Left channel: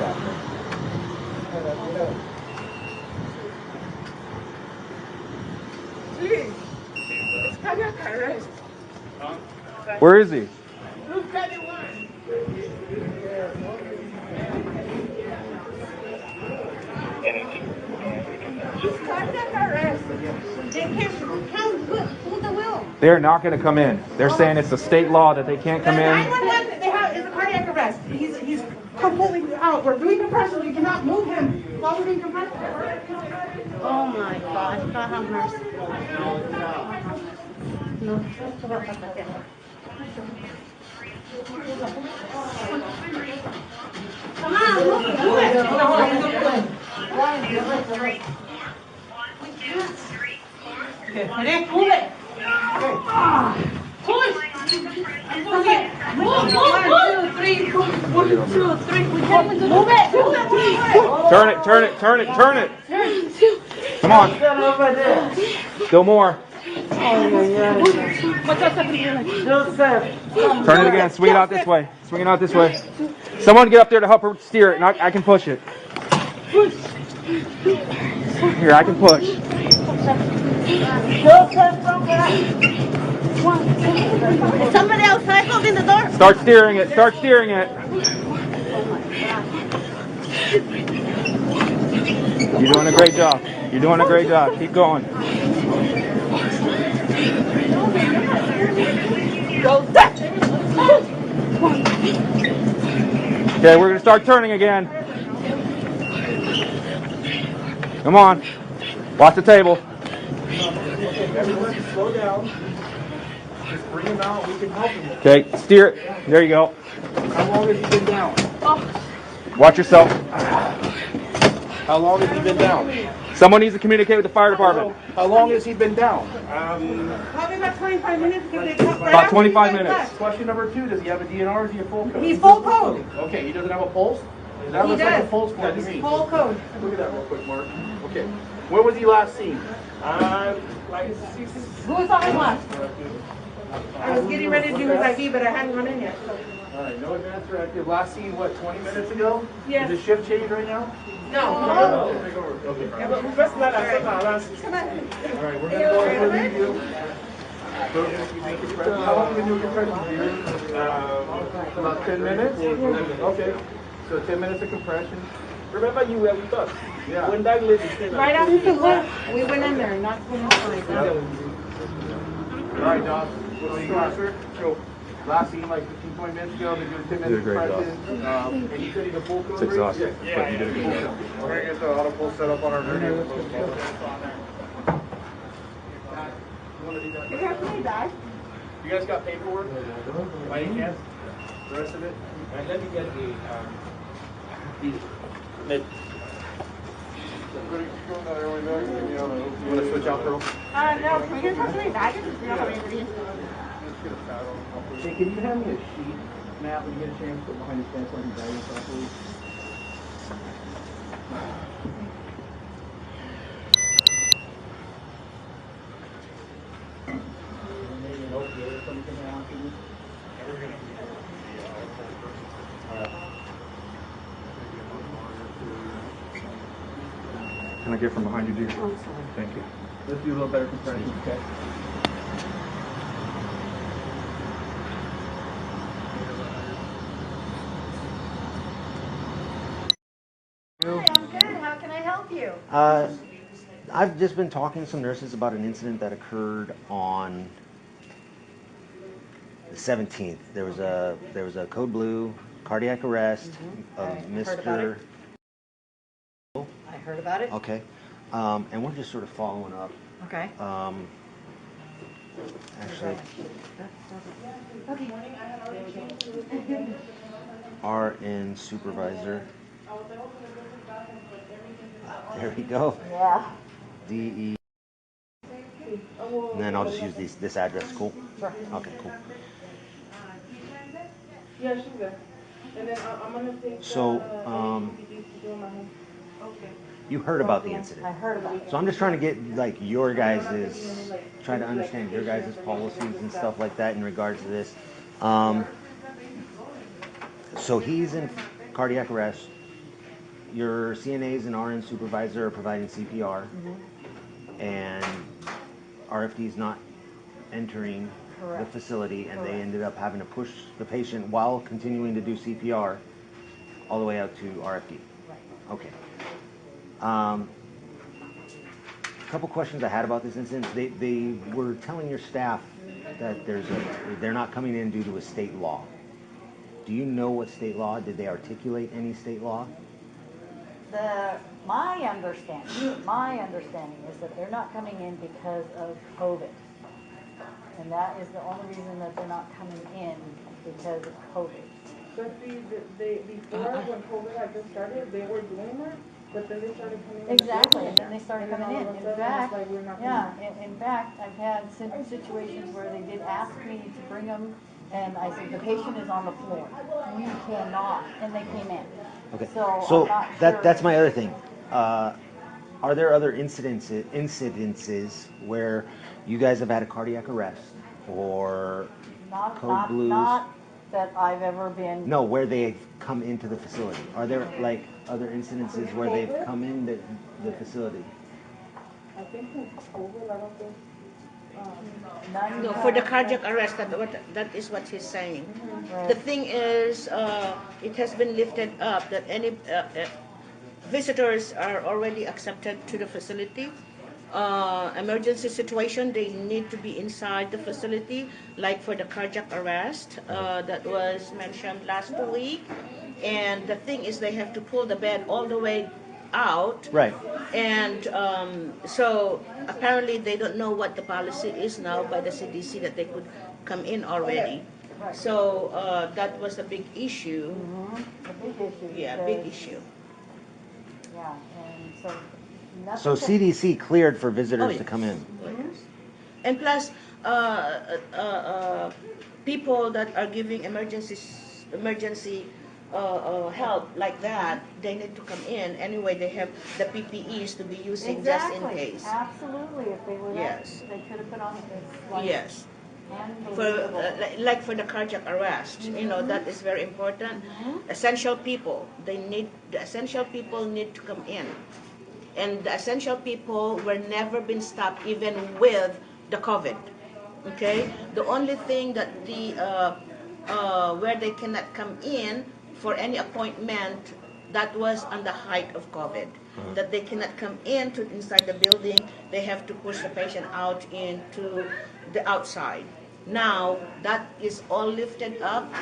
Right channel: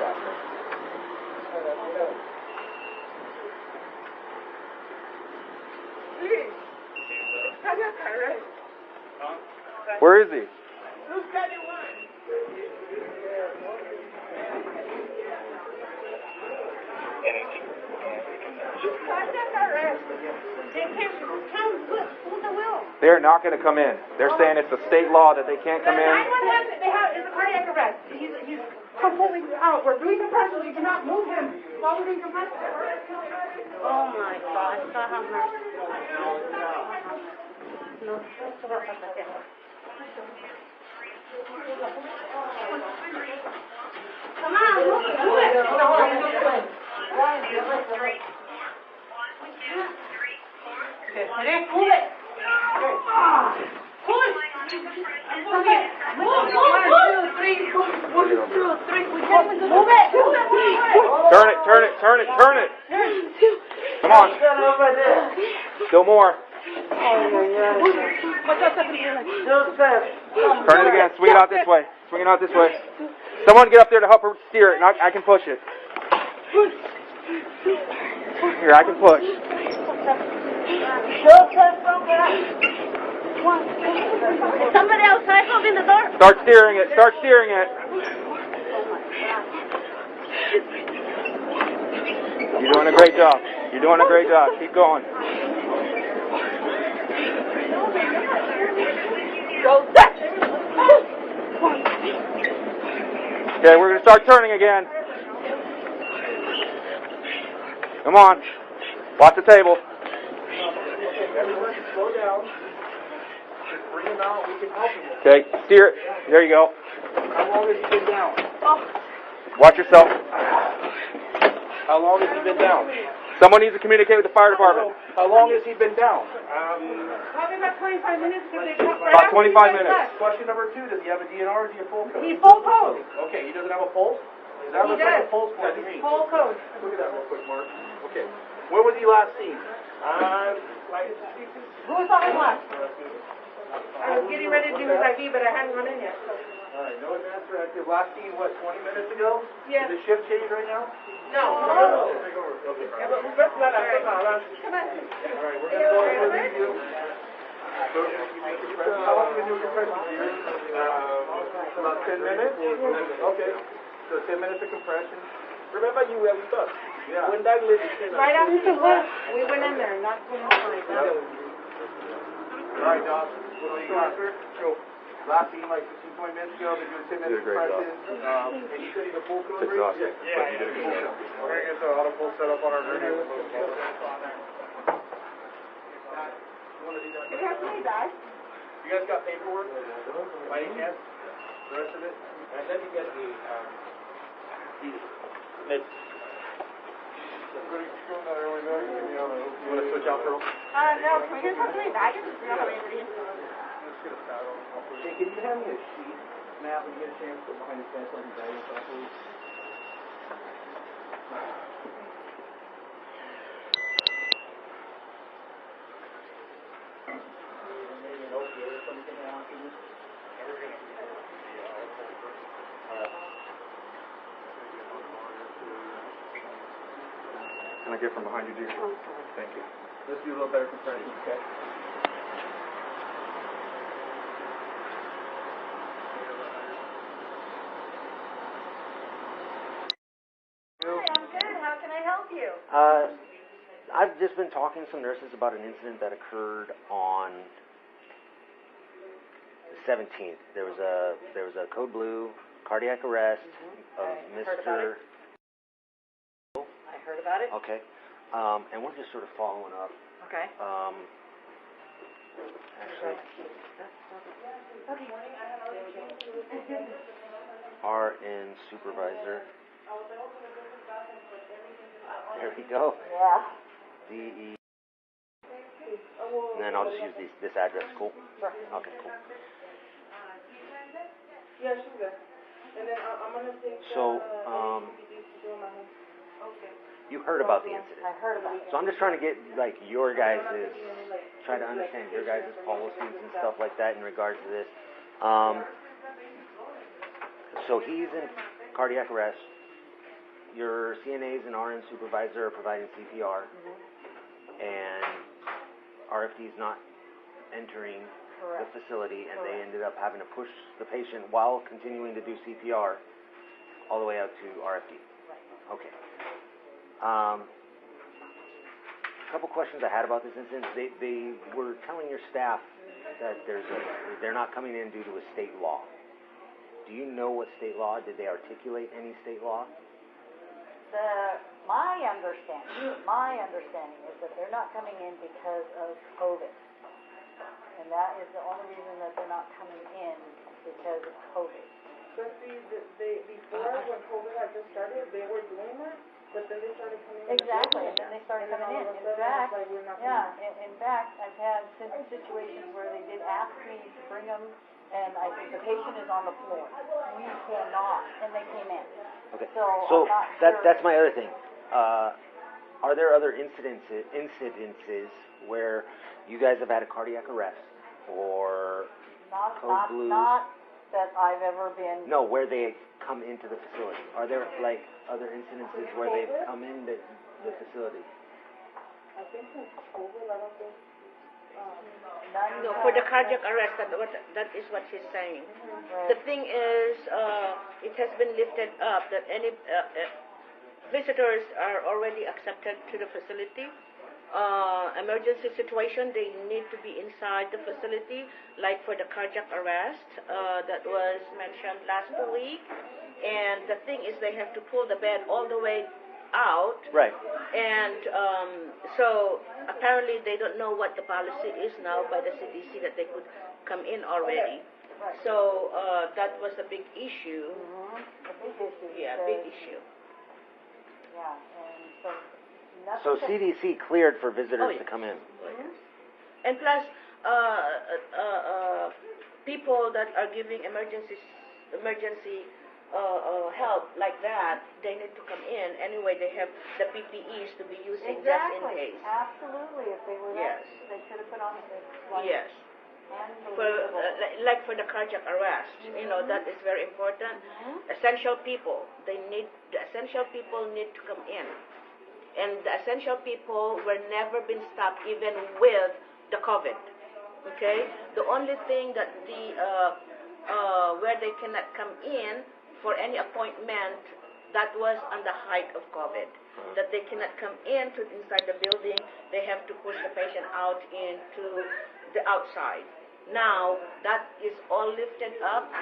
happening. It's cardiac arrest. Where is he? They're not going to come in. They're saying it's a state law that they can't come in. 911, it's a cardiac arrest. He's completely out. We're doing compression. We cannot move him while we're doing compression. Oh my God. God have mercy. No. Come on, move it. Move it. Push. Okay. Move. 1, 2, 3. Move it. Turn it. Come on. Still more. Turn it again. Swing it out this way. Someone get up there to help her steer it, and I can push it. Here, I can push. Somebody outside holding the door. Start steering it. You're doing a great job. Keep going. Okay, we're going to start turning again. Come on. Watch the table. Everyone slow down. Just bring him out. We can help him. Okay, steer it. There you go. How long has he been down? Watch yourself. How long has he been down? Someone needs to communicate with the fire department. How long has he been down? Probably about 25 minutes. About 25 minutes. Question number 2, does he have a DNR or is he a full code? He's full code. Okay, he doesn't have a pulse? That looks like a pulse for me. Full code. Look at that real quick, Mark. Okay. When was he last seen? Who saw him last? I was getting ready to do his ID, but I hadn't run in yet. Alright, no advance directive. Last seen, what, 20 minutes ago? Yes. Is his shift change right now? No. Alright, we're going to go ahead and review. How long have you been doing compression, dear? About 10 minutes? Okay. So 10 minutes of compression. Remember you were with us? Yeah. When that lady came Right after work, we went in there, not 25. Alright, John. What do you want, sir? So, last seen like 15, 20 minutes ago, they're doing 10 minutes of compression. And you said he's a full code? It's exhausting, but you did a good job. We're going to get the auto pull set up on our video. You have to die. You guys got paperwork? By any chance? The rest of it? and let me get the You want to switch out, Pearl? No, can we get something back? I just don't have anything. Hey, can you hand me a sheet map when you get a chance to put behind your fence on your guidance properly? Can I get from behind you, dear? Thank you. Let's do a little better comparison, okay? How can I help you? I've just been talking to some nurses about an incident that occurred on the 17th. There was a code blue cardiac arrest of Mr. I heard about it. Okay, and we're just sort of following up. Okay. Actually, RN supervisor. There we go. Yeah. DE. And then I'll just use this address. Cool. Sure. Okay, cool. Yeah, she's there. And then I'm gonna take. So, you heard about the incident. I heard about it. So I'm just trying to get like your guys' trying to understand your guys' policies and stuff like that in regards to this. So he's in cardiac arrest. your CNAs and RN supervisor are providing CPR, and RFD's not entering the facility, and they ended up having to push the patient while continuing to do CPR all the way out to RFD. Okay. Couple questions I had about this incident. They were telling your staff that they're not coming in due to a state law. Do you know what state law? Did they articulate any state law? My understanding is that they're not coming in because of COVID. And that is the only reason that they're not coming in because of COVID. But before when COVID had just started, they were doing that, but then they started coming in. Exactly, and then they started coming in. In fact, in fact, I've had situations where they did ask me to bring them, and I said, the patient is on the floor. You cannot, and they came in. Okay. So I'm not sure. That's my other thing. Are there other incidences where you guys have had a cardiac arrest or code blues? Not that I've ever been. No, where they've come into the facility. Are there like other incidences where they've come in the facility? I think it's COVID, I don't think. No, for the cardiac arrest, that is what he's saying. The thing is, it has been lifted up that any visitors are already accepted to the facility. Emergency situation, they need to be inside the facility, like for the cardiac arrest that was mentioned last week. And the thing is, they have to pull the bed all the way out. Right. And so apparently they don't know what the policy is now by the CDC that they could come in already. So that was a big issue. A big issue. Yeah, big issue. Yeah, and So so. CDC cleared for visitors to come in. And plus, people that are giving emergency help like that, they need to come in. Anyway, they have the PPEs to be using just in case. Absolutely. If they were Yes. they could have put on this. Like, Yes. For like for the cardiac arrest, that is very important. Essential people, the essential people need to come in, and the essential people were never been stopped even with the COVID. Okay, the only thing that where they cannot come in for any appointment, that was on the height of COVID. That they cannot come inside the building, they have to push the patient out into the outside. Now that is all lifted up,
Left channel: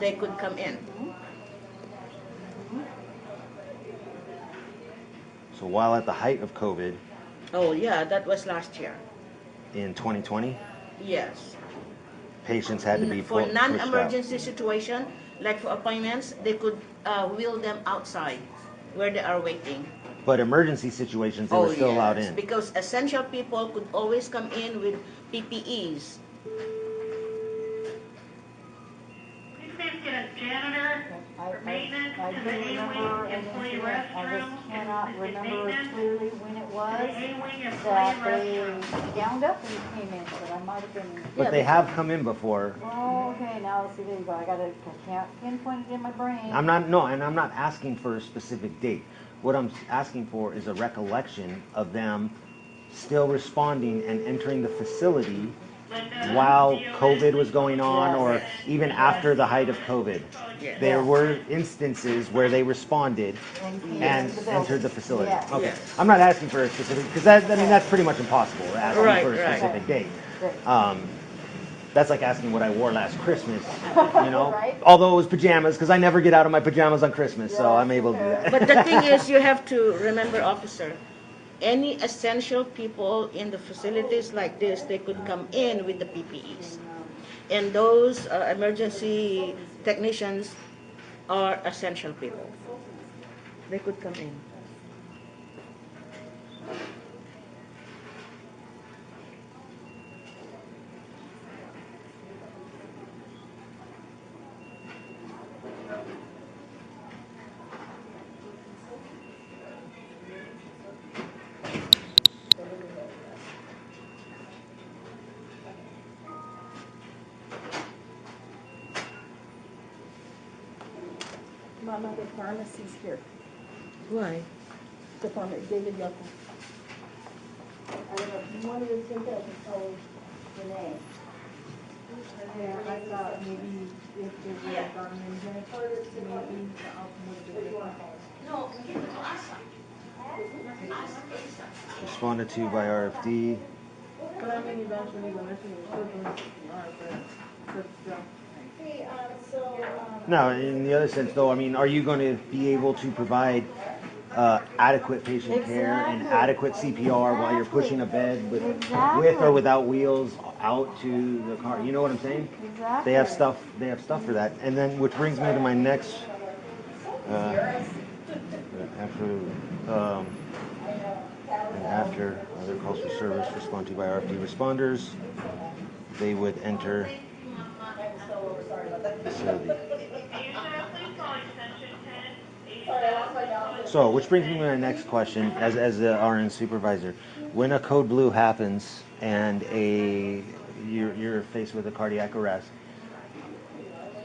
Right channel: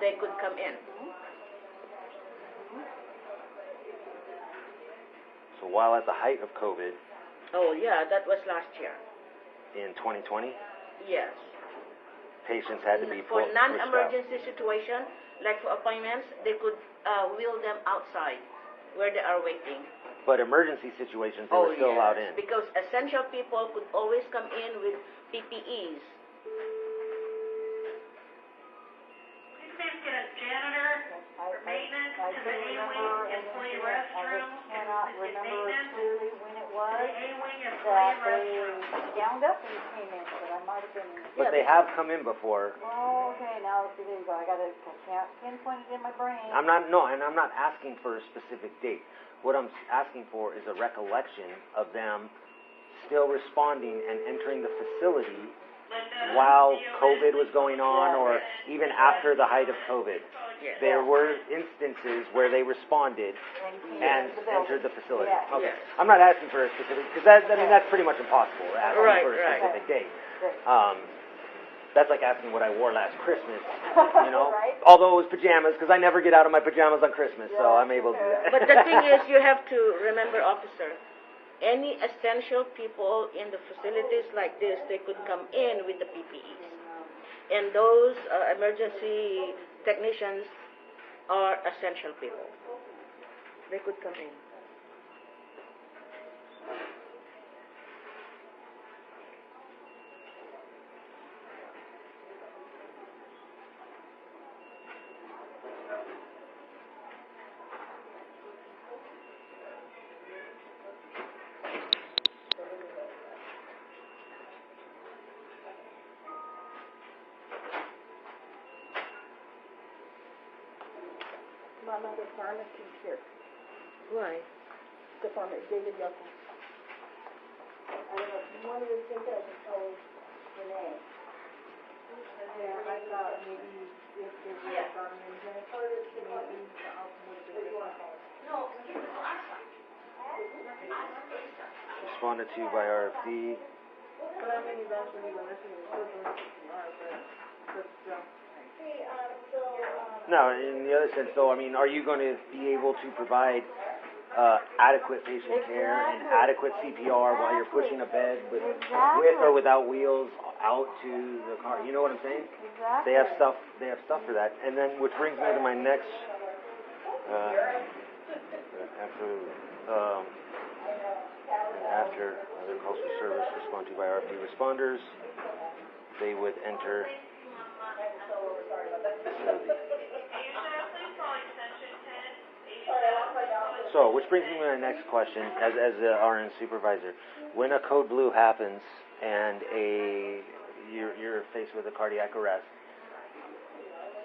they could come in. So while at the height of COVID Oh yeah, that was last year. in 2020, Yes. patients had to be For pushed out. non-emergency situation, like for appointments, they could wheel them outside where they are waiting. But emergency situations, they were still allowed in. Because essential people could always come in with PPEs. I do remember an incident, I just cannot remember clearly when it was, that they gowned up and came in, but I might have been. But they have come in before. Oh, okay, now see, there you go, I can't pinpoint it in my brain. I'm not asking for a specific date. What I'm asking for is a recollection of them still responding and entering the facility while COVID was going on, or even after the height of COVID. There were instances where they responded and entered the facility. Yes. Okay, I'm not asking for a specific, because that's pretty much impossible, asking Right, for a right. specific date. Right. That's like asking what I wore last Christmas, Right. Although it was pajamas, because I never get out of my pajamas on Christmas, so I'm able to do that. But the thing is, you have to remember, officer, any essential people in the facilities like this, they could come in with the PPEs. And those emergency technicians are essential people. They could come in. one of the pharmacies here. Why? The pharmacy, David Yoko. I don't know, one of the things that I can tell Renee. Yeah, I thought maybe if there were a government in here, maybe the outcome would be different. Responded to by RFD. But I mean, eventually, but still. No, in the other sense, though, I mean, are you going to be able to provide adequate patient care and Exactly. adequate CPR while you're pushing a bed with or without wheels out to the car? You know what I'm saying? Exactly. They have stuff. They have stuff for that. And then, which brings me to my next. After other calls for service responded to by RFD responders, they would enter the facility. So, which brings me to my next question, as the RN supervisor, when a code blue happens and you're faced with a cardiac arrest,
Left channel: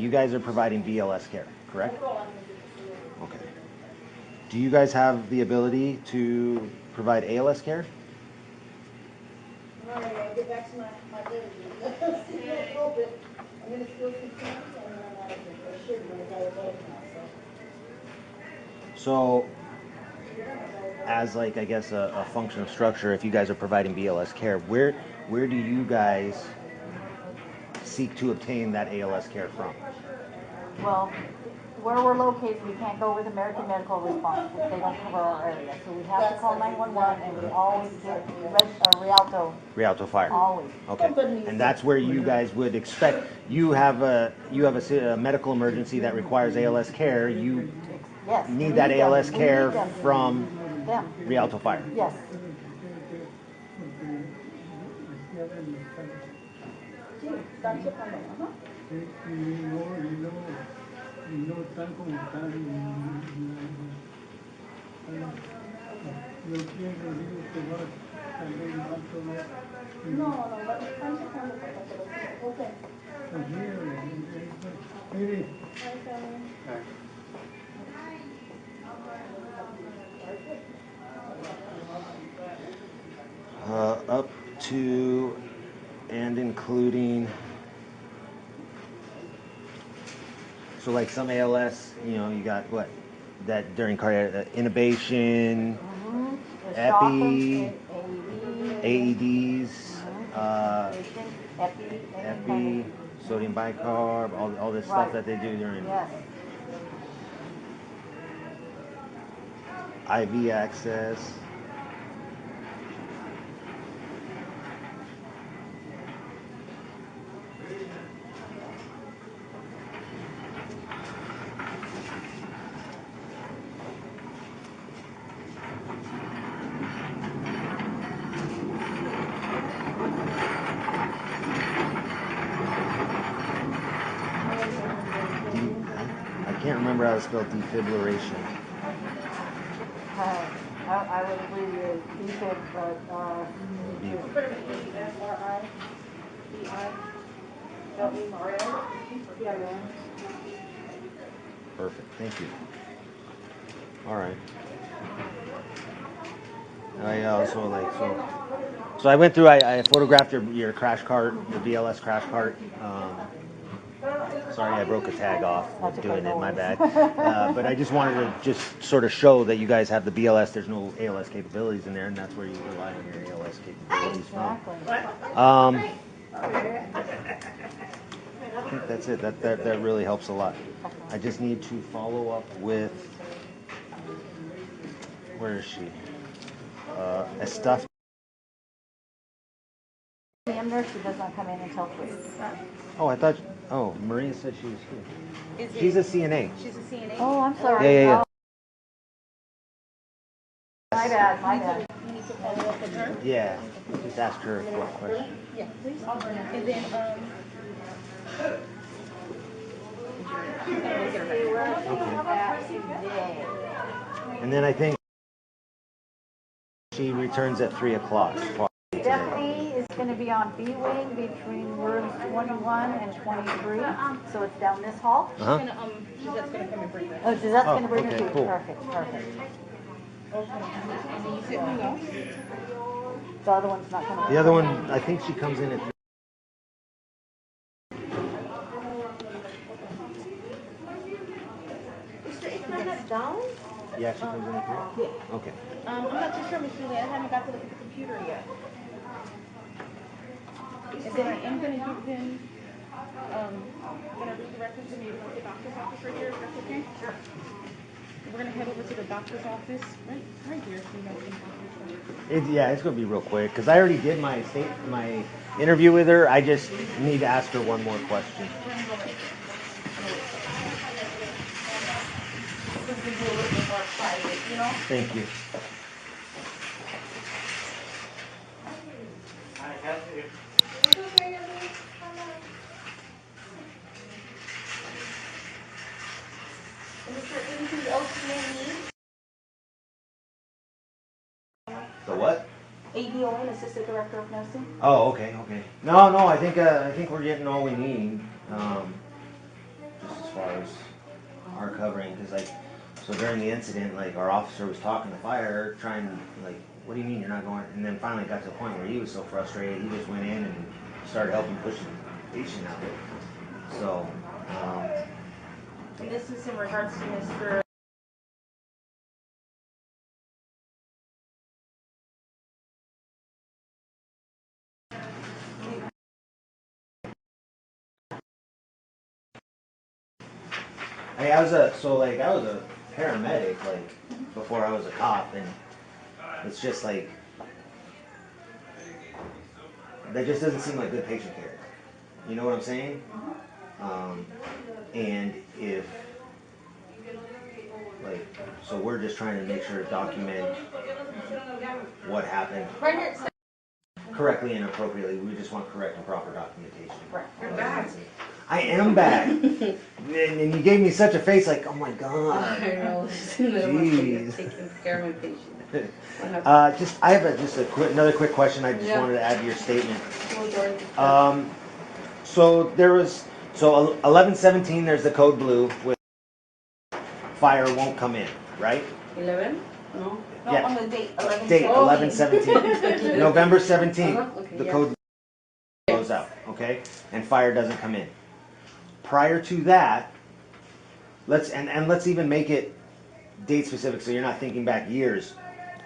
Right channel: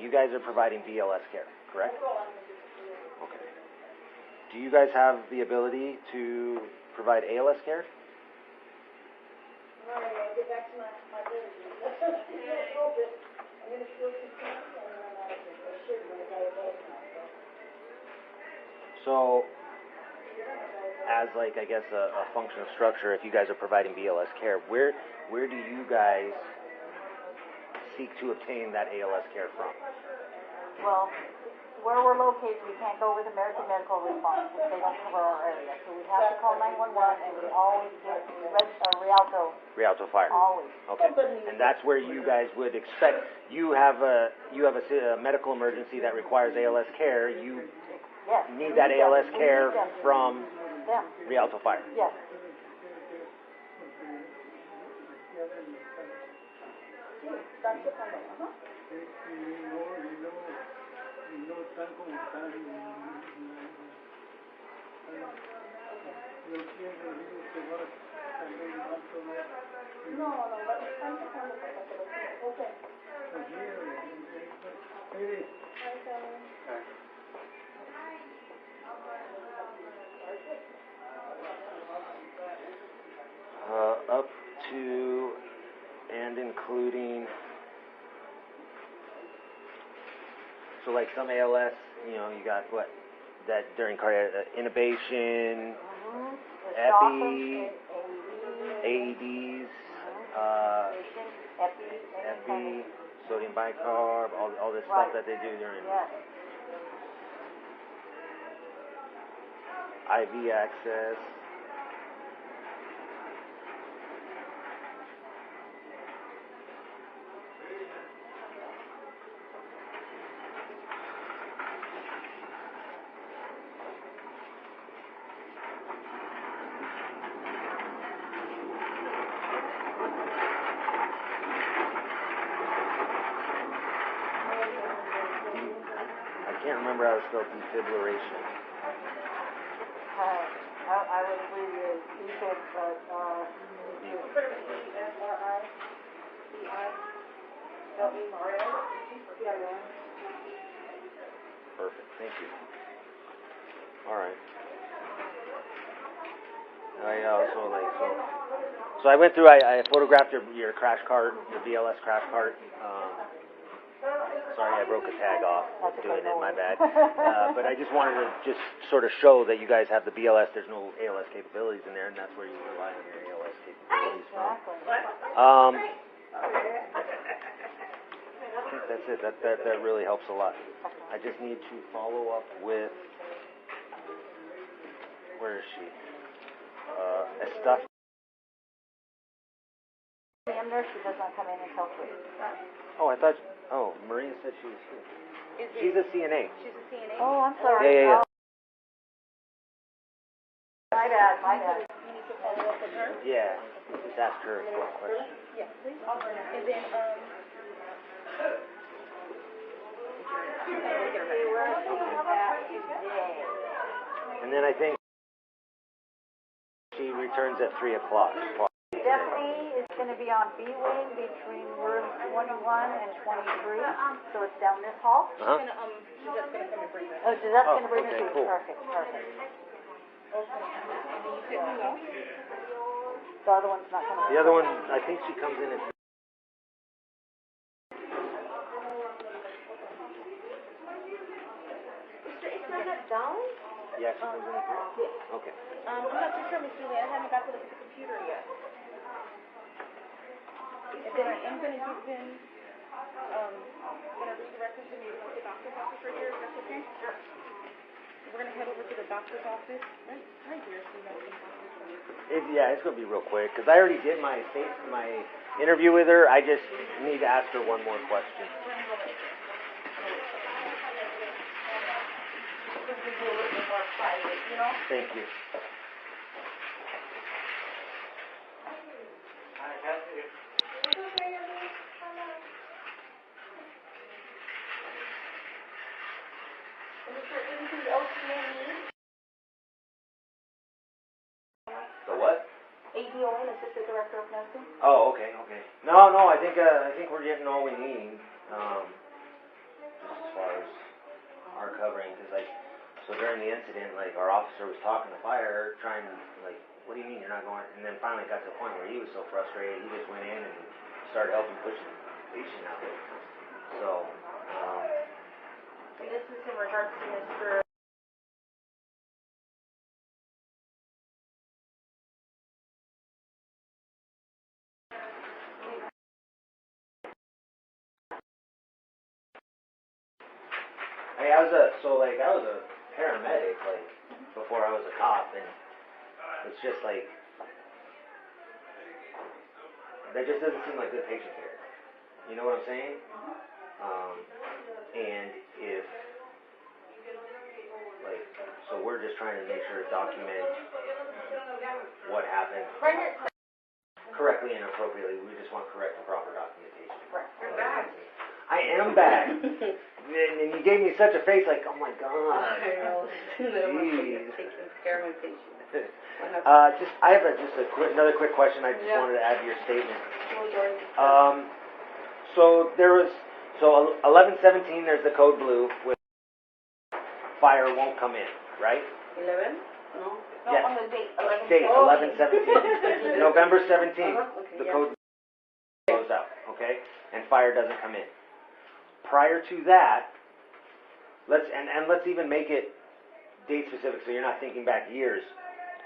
you guys are providing BLS care, correct? Okay. Do you guys have the ability to provide ALS care? All right, I'll get back to my bed again. See you in a little bit. I'm gonna still see parents and then I'm out of here. I should be, I got it now, So, as like I guess a function of structure, if you guys are providing BLS care, where do you guys seek to obtain that ALS care from? Well, where we're located, we can't go with American Medical Response, which they don't cover our area. So we have to call 911, and we always get Rialto. Rialto Fire. Always. Okay. And that's where you guys would expect. You have a medical emergency that requires ALS care. You Yes. need that ALS We care need them. from Them. Rialto Fire. Yes. Up to and including. So like some ALS, you got what? That during cardiac intubation, epi, AEDs, epi, sodium bicarb, all this stuff that they do during IV access. I can't remember how to spell defibrillation. I would agree with Ethan, but Perfect. Thank you. All right. I also so I went through. I photographed your crash cart, your BLS crash cart. Sorry, I broke a tag off doing it. My bad. But I just wanted to just sort of show that you guys have the BLS. There's no ALS capabilities in there, and that's where you rely on your ALS capabilities from. I think that's it. That really helps a lot. I just need to follow up with. Where is she? Estaf. the nurse, she does not come in until 3. Oh, I thought. Oh, Maria said she was here. She's a CNA. She's a CNA. Oh, I'm sorry. Yeah. My bad. You need to follow up with her. Yeah. Just ask her a question. Yeah, please. And then, And then I think she returns at 3 o'clock. Stephanie is gonna be on B wing between rooms 21 and 23, so it's down this hall. Uh-huh. Gisette's gonna come and bring that. Oh, Gisette's Oh, gonna bring okay, it too. cool. Perfect, perfect. And then you said who else? The other one's not gonna. The other one, I think she comes in at. Is there anyone that's down? Yeah, she comes in at 3? Yeah. Okay. I'm not too sure, Miss Julie. I haven't got to look at the computer yet. And then I am gonna give him, gonna redirect him to maybe like the doctor's office right here, if that's okay? Sure. We're gonna head over to the doctor's office, right here, so you know some doctor's. Yeah, it's gonna be real quick because I already did my interview with her. I just need to ask her one more question. Thank you. Is there anything else you may need? The what? ADON, Assistant Director of Nursing? Oh, okay. No, I think we're getting all we need. Just as far as our covering, because like, so during the incident, like our officer was talking to fire, trying like, what do you mean you're not going? And then finally got to a point where he was so frustrated, he just went in and started helping push the patient out. So. And this is in regards to Mr. Hey, I was a paramedic like before I was a cop, and it's just like that just doesn't seem like good patient care. You know what I'm saying? And if like, so we're just trying to make sure to document what happened correctly and appropriately. We just want correct and proper documentation. You're back. I am back. And you gave me such a face like, oh my God. I know. Jeez. Taking care of my patient. I have another quick question. I just wanted to add to your statement. So there was 1117. There's the code blue with fire won't come in, right? 11? No. No, Yeah. on the date, 11. Date 1117. November 17th. Okay, The yeah. code goes out, okay, and fire doesn't come in. Prior to that, let's even make it date specific, so you're not thinking back years.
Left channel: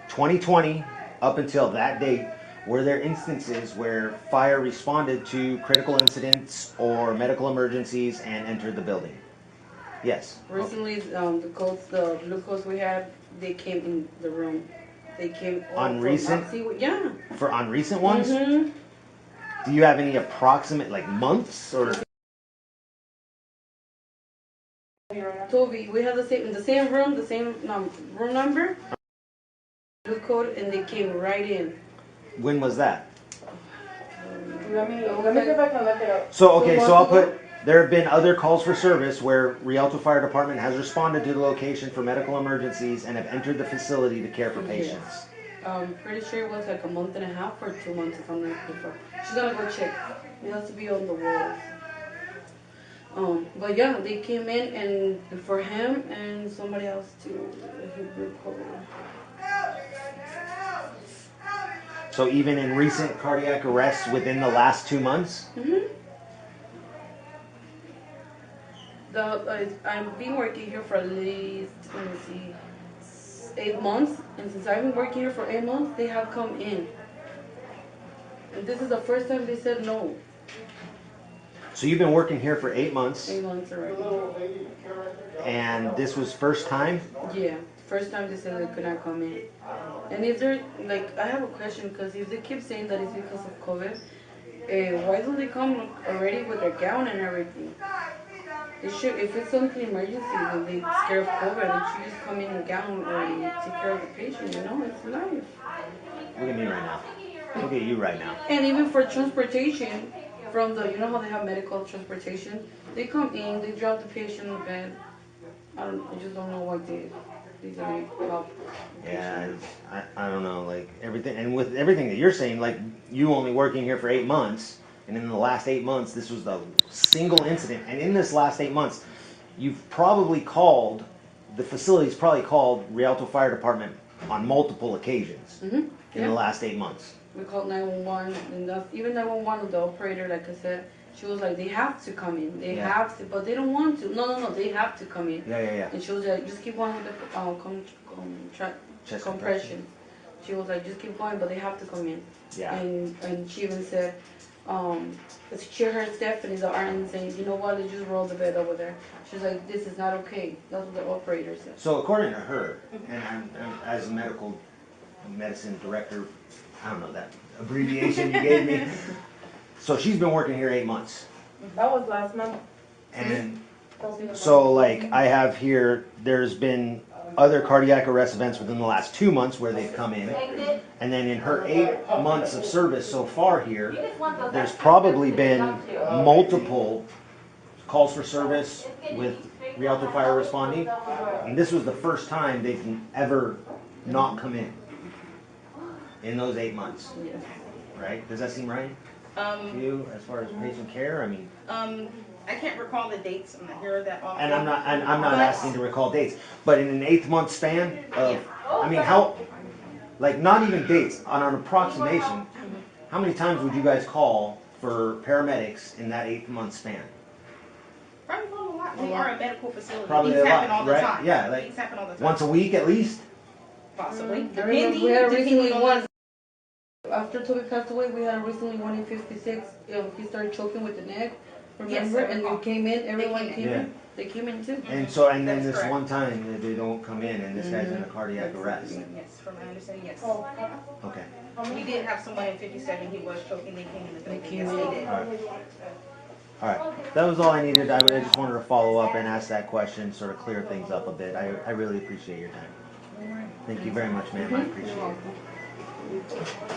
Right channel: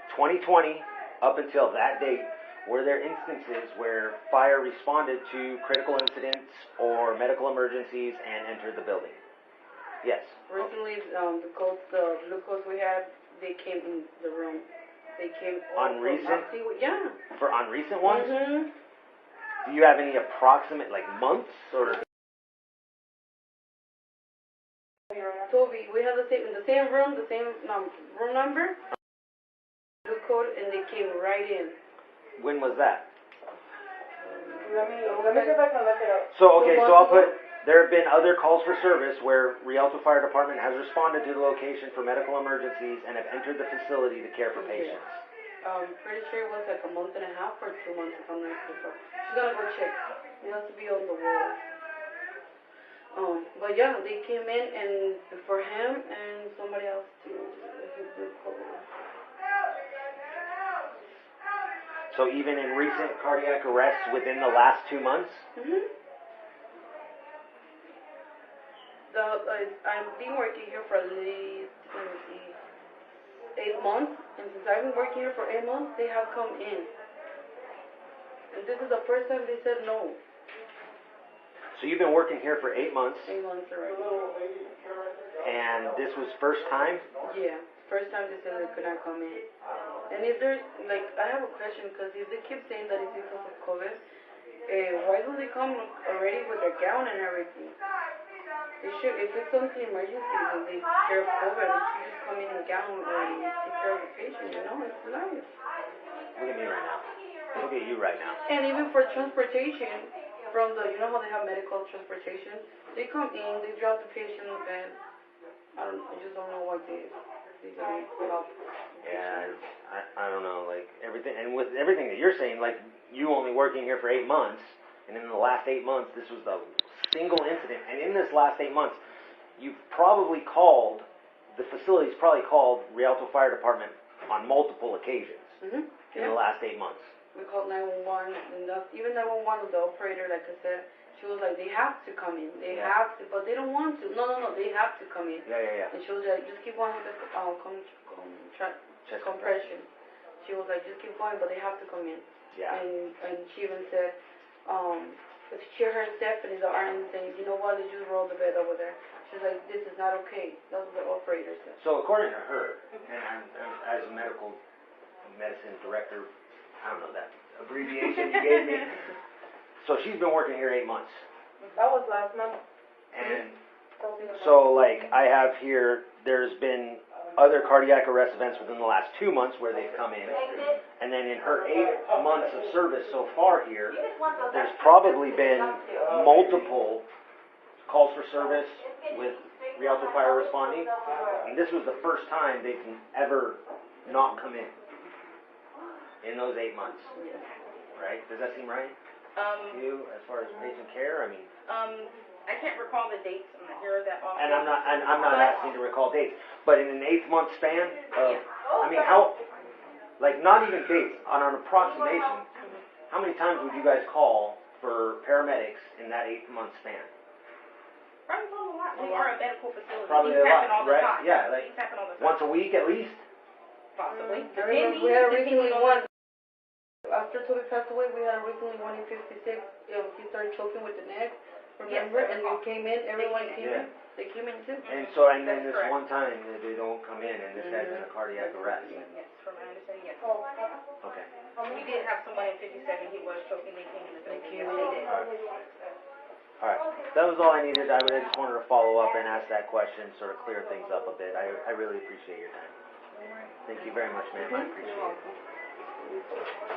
2020 up until that date, were there instances where fire responded to critical incidents or medical emergencies and entered the building? Yes. Recently, the blue coats we had, they came in the room. They came On recent? Yeah. On recent ones? Mm-hmm. Do you have any approximate months or? Toby, we have the same room, the same room number, blue code, and they came right in. When was that? Let me see if I can look it up. So I'll put, there have been other calls for service where Rialto Fire Department has responded to the location for medical emergencies and have entered the facility to care for patients. Pretty sure it was like a month and a half or 2 months if I'm not mistaken. She's gonna go check. It has to be on the walls. But yeah, they came in and for him and somebody else too. He recovered. So even in recent cardiac arrests within the last 2 months? Mm-hmm. I've been working here for at least, 8 months. And since I've been working here for 8 months, they have come in. And this is the first time they said no. So you've been working here for 8 months, 8 months already. and this was first time? Yeah, first time they said they could not come in. And if they're, I have a question, because if they keep saying that it's because of COVID, why don't they come already with their gown and everything? They should, if it's something emergency, and they scared of COVID, they should just come in a gown or take care of the patient, it's life. Look at me right now. Look at you right now. And even for transportation, from the, how they have medical transportation, they come in, they drop the patient in bed. I just don't know what they they can help. Yeah, I don't know, like everything, and with everything that you're saying, like you only working here for 8 months, and in the last 8 months, this was the single incident, and in this last 8 months, you've probably called, the facility's probably called Rialto Fire Department on multiple occasions in the last 8 months. We called 911, and even 911, the operator, like I said, she was like, they have to come in. They have to, but they don't want to. No, they have to come in. Yeah. And she was like, just keep going with the Chest compression. She was like, just keep going, but they have to come in. Yeah. And she even said, she heard Stephanie, the RN, saying, you know what, they just rolled the bed over there. She's like, this is not okay. That's what the operator said. So according to her, and I'm as a medicine director, I don't know that abbreviation you gave me. So she's been working here 8 months. That was last month. And so like I have here, there's been other cardiac arrest events within the last 2 months where they've come in. And then in her 8 months of service so far here, there's probably been multiple calls for service with Rialto Fire responding. And this was the first time they've ever not come in those 8 months. Right? Does that seem right to you as far as patient care? I mean, I can't recall the dates. I'm not here that often. and I'm not asking to recall dates, but in an 8 month span of, I mean, how, like not even dates, on an approximation, how many times would you guys call for paramedics in that 8 month span? Probably not a lot. We are a medical facility. Probably These a happen lot, all the right? time. Yeah, like These happen all the time. once a week at least. Possibly. I remember we had recently one, after Toby passed away, we had recently one in 56. He started choking with the neck, remember? Yes, I and recall. they came in, everyone came Yeah. in. They came in too. And so, and then That's this correct. one time they don't come in, and this guy's in a cardiac arrest. Yes, from my understanding, yes. Okay. We did have someone in 57. He was choking. They came in the building. Yes, they did. All right. That was all I needed. I just wanted to follow up and ask that question, sort of clear things up a bit. I really appreciate your time. Thank you very much, ma'am. I appreciate it.